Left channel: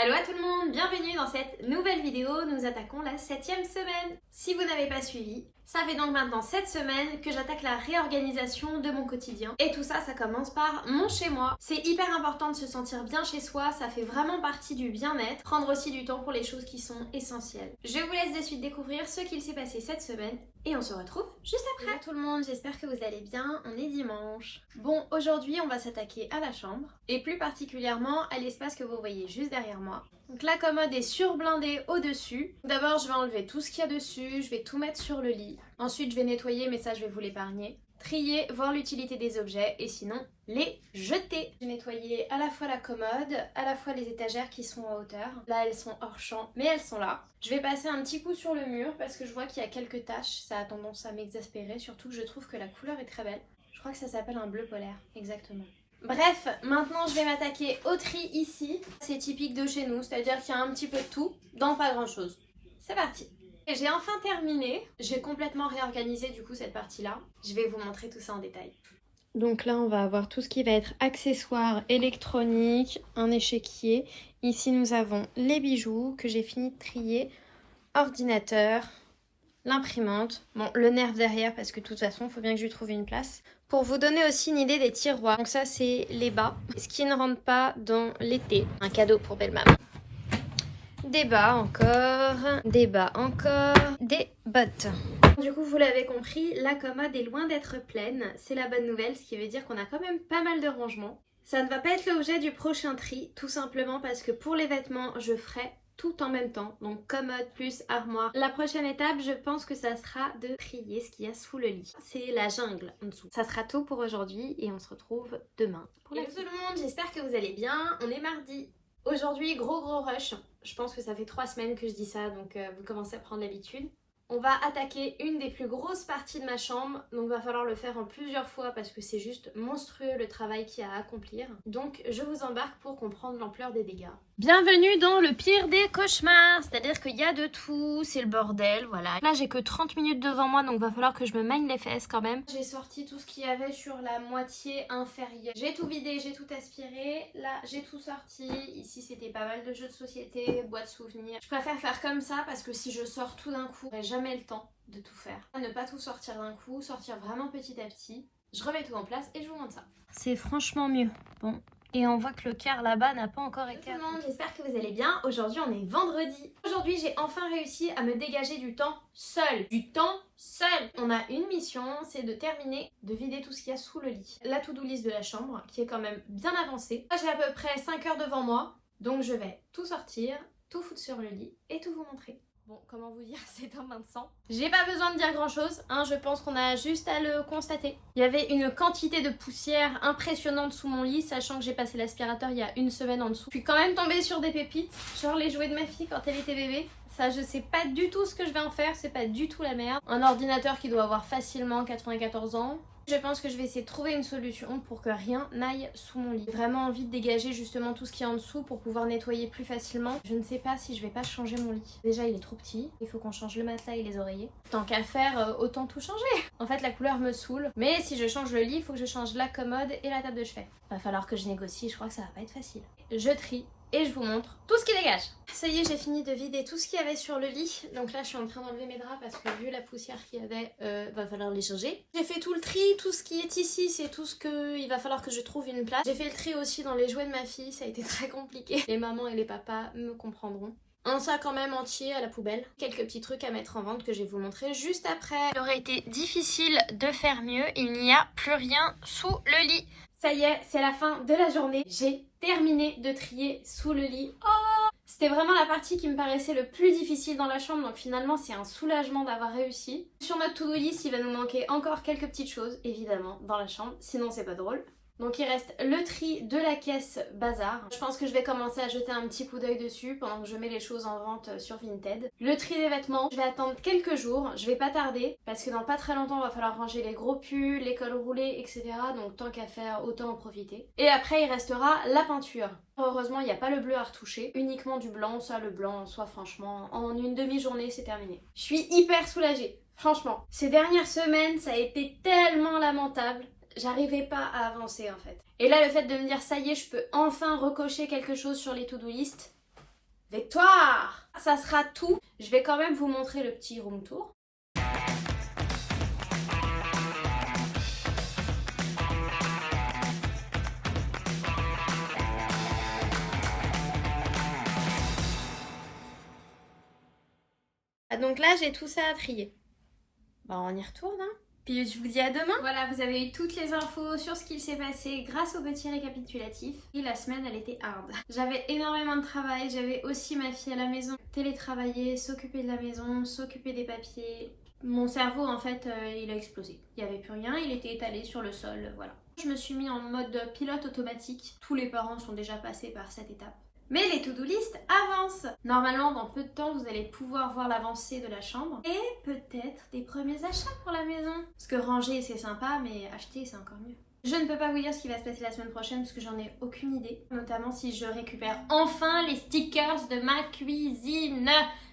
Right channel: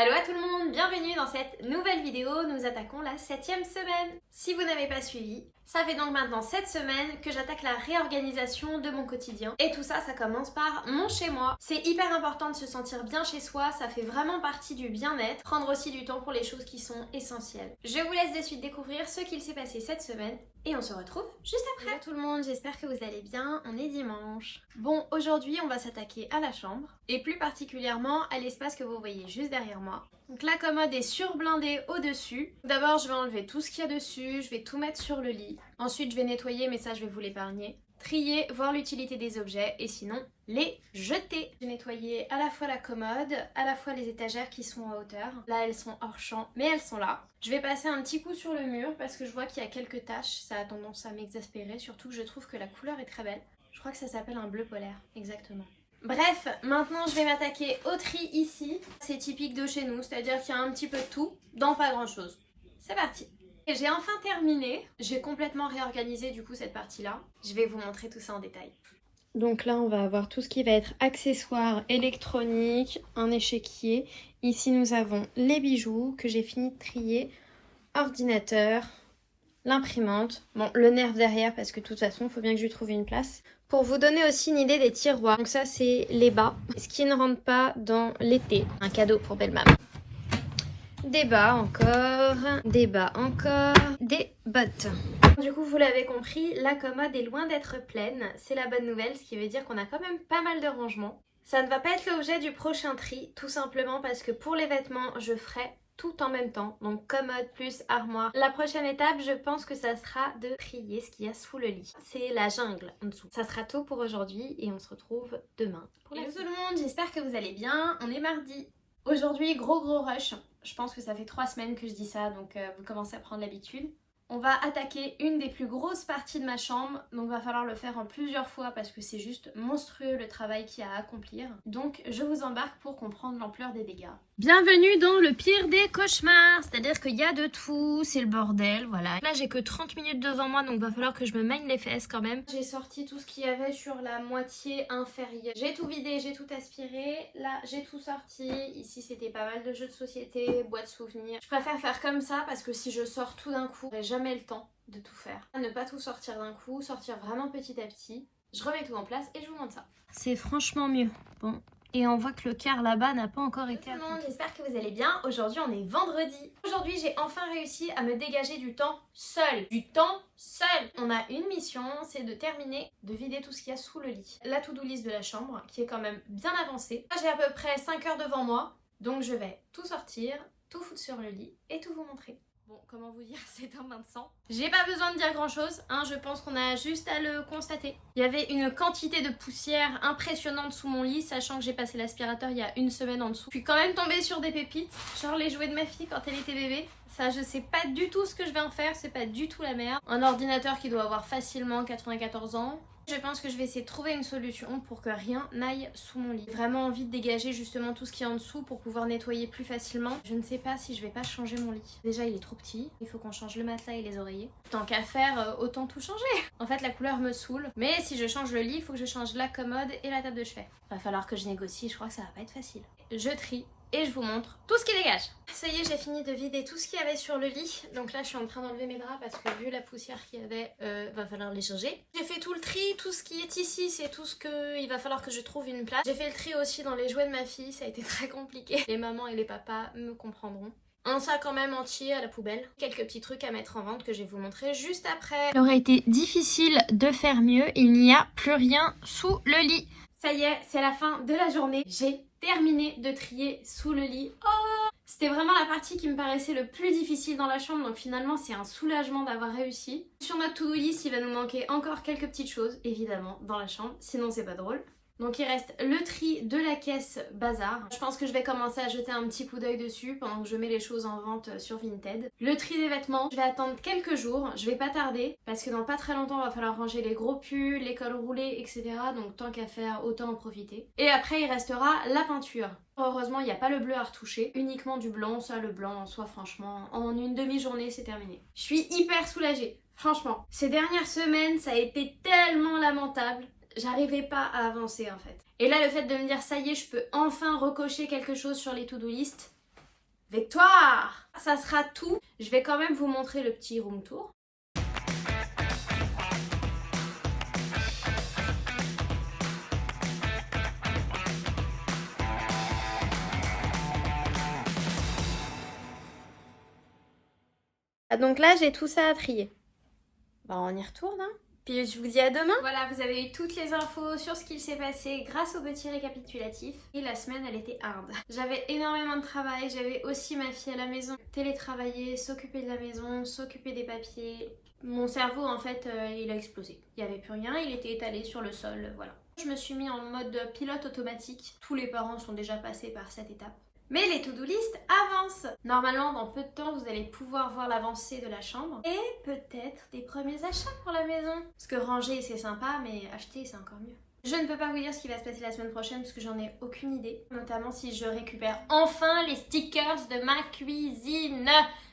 Allo à tout le monde, bienvenue dans cette nouvelle vidéo, nous attaquons la 7e semaine. Si vous n'avez pas suivi, ça fait donc maintenant 7 semaines que j'attaque la réorganisation de mon quotidien. Et tout ça, ça commence par mon chez moi. C'est hyper important de se sentir bien chez soi, ça fait vraiment partie du bien-être. Prendre aussi du temps pour les choses qui sont essentielles. Je vous laisse de suite découvrir ce qu'il s'est passé cette semaine et on se retrouve juste après. Bonjour tout le monde, j'espère que vous allez bien, on est dimanche. Bon, aujourd'hui on va s'attaquer à la chambre et plus particulièrement à l'espace que vous voyez juste derrière moi. Donc la commode est surblindée au-dessus. D'abord je vais enlever tout ce qu'il y a dessus, je vais tout mettre sur le lit. Ensuite je vais nettoyer, mais ça je vais vous l'épargner. Trier, voir l'utilité des objets et sinon les jeter. J'ai nettoyé à la fois la commode, à la fois les étagères qui sont à hauteur. Là elles sont hors champ, mais elles sont là. Je vais passer un petit coup sur le mur parce que je vois qu'il y a quelques taches. Ça a tendance à m'exaspérer, surtout que je trouve que la couleur est très belle. Je crois que ça s'appelle un bleu polaire, exactement. Bref, maintenant je vais m'attaquer au tri ici. C'est typique de chez nous, c'est-à-dire qu'il y a un petit peu de tout dans pas grand-chose. C'est parti. Et j'ai enfin terminé. J'ai complètement réorganisé du coup cette partie-là. Je vais vous montrer tout ça en détail. Donc là, on va avoir tout ce qui va être accessoires électroniques, un échiquier. Ici, nous avons les bijoux que j'ai fini de trier, ordinateur, l'imprimante, bon, le nerf derrière parce que de toute façon, il faut bien que je lui trouve une place. Pour vous donner aussi une idée des tiroirs, donc ça c'est les bas, ce qui ne rentre pas dans l'été, un cadeau pour belle maman. Des bas encore, des bas encore, des bottes. Du coup, vous l'avez compris, la commode est loin d'être pleine, c'est la bonne nouvelle, ce qui veut dire qu'on a quand même pas mal de rangements. Ça ne va pas être l'objet du prochain tri, tout simplement parce que pour les vêtements, je ferai tout en même temps, donc commode plus armoire. La prochaine étape, je pense que ça sera de trier ce qu'il y a sous le lit. C'est la jungle en dessous. Ça sera tout pour aujourd'hui et on se retrouve demain. Hello tout le monde, j'espère que vous allez bien. On est mardi. Aujourd'hui, gros rush. Je pense que ça fait 3 semaines que je dis ça, donc vous commencez à prendre l'habitude. On va attaquer une des plus grosses parties de ma chambre, donc va falloir le faire en plusieurs fois parce que c'est juste monstrueux le travail qu'il y a à accomplir. Donc je vous embarque pour comprendre l'ampleur des dégâts. Bienvenue dans le pire des cauchemars, c'est-à-dire qu'il y a de tout, c'est le bordel, voilà. Là j'ai que 30 minutes devant moi, donc va falloir que je me mène les fesses quand même. J'ai sorti tout ce qu'il y avait sur la moitié inférieure. J'ai tout vidé, j'ai tout aspiré, là j'ai tout sorti. Ici c'était pas mal de jeux de société, boîtes souvenirs. Je préfère faire comme ça parce que si je sors tout d'un coup, j'aurai jamais le temps de tout faire. Ne pas tout sortir d'un coup, sortir vraiment petit à petit. Je remets tout en place et je vous montre ça. C'est franchement mieux. Bon. Et on voit que le quart là-bas n'a pas encore été... Bonjour tout le monde, j'espère que vous allez bien. Aujourd'hui on est vendredi. Aujourd'hui j'ai enfin réussi à me dégager du temps seul. Du temps seul. On a une mission, c'est de terminer de vider tout ce qu'il y a sous le lit. La to-do list de la chambre qui est quand même bien avancée. J'ai à peu près 5 heures devant moi. Donc je vais tout sortir, tout foutre sur le lit et tout vous montrer. Bon, comment vous dire, c'est un bain de sang. J'ai pas besoin de dire grand chose, hein, je pense qu'on a juste à le constater. Il y avait une quantité de poussière impressionnante sous mon lit, sachant que j'ai passé l'aspirateur il y a 1 semaine en dessous. Je suis quand même tombée sur des pépites, genre les jouets de ma fille quand elle était bébé. Ça, je sais pas du tout ce que je vais en faire, c'est pas du tout la merde. Un ordinateur qui doit avoir facilement 94 ans. Je pense que je vais essayer de trouver une solution pour que rien n'aille sous mon lit. J'ai vraiment envie de dégager justement tout ce qui est en dessous pour pouvoir nettoyer plus facilement. Je ne sais pas si je vais pas changer mon lit. Déjà il est trop petit, il faut qu'on change le matelas et les oreillers. Tant qu'à faire, autant tout changer. En fait la couleur me saoule, mais si je change le lit, il faut que je change la commode et la table de chevet. Va falloir que je négocie, je crois que ça va pas être facile. Je trie et je vous montre tout ce qui dégage. Ça y est, j'ai fini de vider tout ce qu'il y avait sur le lit. Donc là, je suis en train d'enlever mes draps parce que vu la poussière qu'il y avait, va falloir les changer. J'ai fait tout le tri, tout ce qui est ici, c'est tout ce que il va falloir que je trouve une place. J'ai fait le tri aussi dans les jouets de ma fille, ça a été très compliqué. Les mamans et les papas me comprendront. Un sac quand même entier à la poubelle. Quelques petits trucs à mettre en vente que je vais vous montrer juste après. Il aurait été difficile de faire mieux, il n'y a plus rien sous le lit. Ça y est, c'est la fin de la journée. J'ai terminé de trier sous le lit. Oh! C'était vraiment la partie qui me paraissait le plus difficile dans la chambre, donc finalement c'est un soulagement d'avoir réussi. Sur notre to-do list, il va nous manquer encore quelques petites choses, évidemment, dans la chambre, sinon c'est pas drôle. Donc il reste le tri de la caisse bazar. Je pense que je vais commencer à jeter un petit coup d'œil dessus pendant que je mets les choses en vente sur Vinted. Le tri des vêtements, je vais attendre quelques jours, je vais pas tarder parce que dans pas très longtemps il va falloir ranger les gros pulls, les cols roulés, etc. Donc tant qu'à faire, autant en profiter. Et après il restera la peinture. Heureusement il n'y a pas le bleu à retoucher, uniquement du blanc. Ça le blanc en soi franchement, en une demi-journée c'est terminé. Je suis hyper soulagée, franchement. Ces dernières semaines ça a été tellement lamentable. J'arrivais pas à avancer en fait. Et là le fait de me dire ça y est je peux enfin recocher quelque chose sur les to-do list, Victoire! Ça sera tout. Je vais quand même vous montrer le petit room tour. Donc là, j'ai tout ça à trier. Bah, on y retourne, hein. Puis je vous dis à demain. Voilà, vous avez eu toutes les infos sur ce qu'il s'est passé grâce au petit récapitulatif. Et la semaine, elle était hard. J'avais énormément de travail, j'avais aussi ma fille à la maison. Télétravailler, s'occuper de la maison, s'occuper des papiers. Mon cerveau, en fait, il a explosé. Il n'y avait plus rien, il était étalé sur le sol, voilà. Je me suis mis en mode pilote automatique. Tous les parents sont déjà passés par cette étape. Mais les to-do list avancent. Normalement, dans peu de temps, vous allez pouvoir voir l'avancée de la chambre et peut-être des premiers achats pour la maison. Parce que ranger, c'est sympa, mais acheter, c'est encore mieux. Je ne peux pas vous dire ce qui va se passer la semaine prochaine parce que j'en ai aucune idée. Notamment si je récupère enfin les stickers de ma cuisine.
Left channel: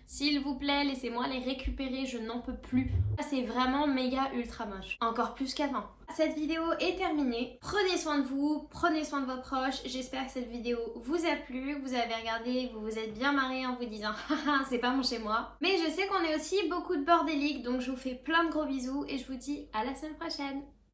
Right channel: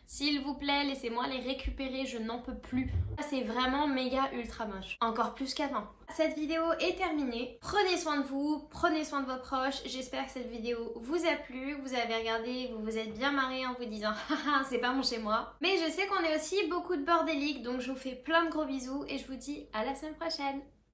S'il vous plaît, laissez-moi les récupérer, je n'en peux plus. C'est vraiment méga ultra moche. Encore plus qu'avant. Cette vidéo est terminée. Prenez soin de vous, prenez soin de vos proches. J'espère que cette vidéo vous a plu. Vous avez regardé, vous vous êtes bien marré en vous disant haha, c'est pas mon chez moi. Mais je sais qu'on est aussi beaucoup de bordéliques, donc je vous fais plein de gros bisous et je vous dis à la semaine prochaine.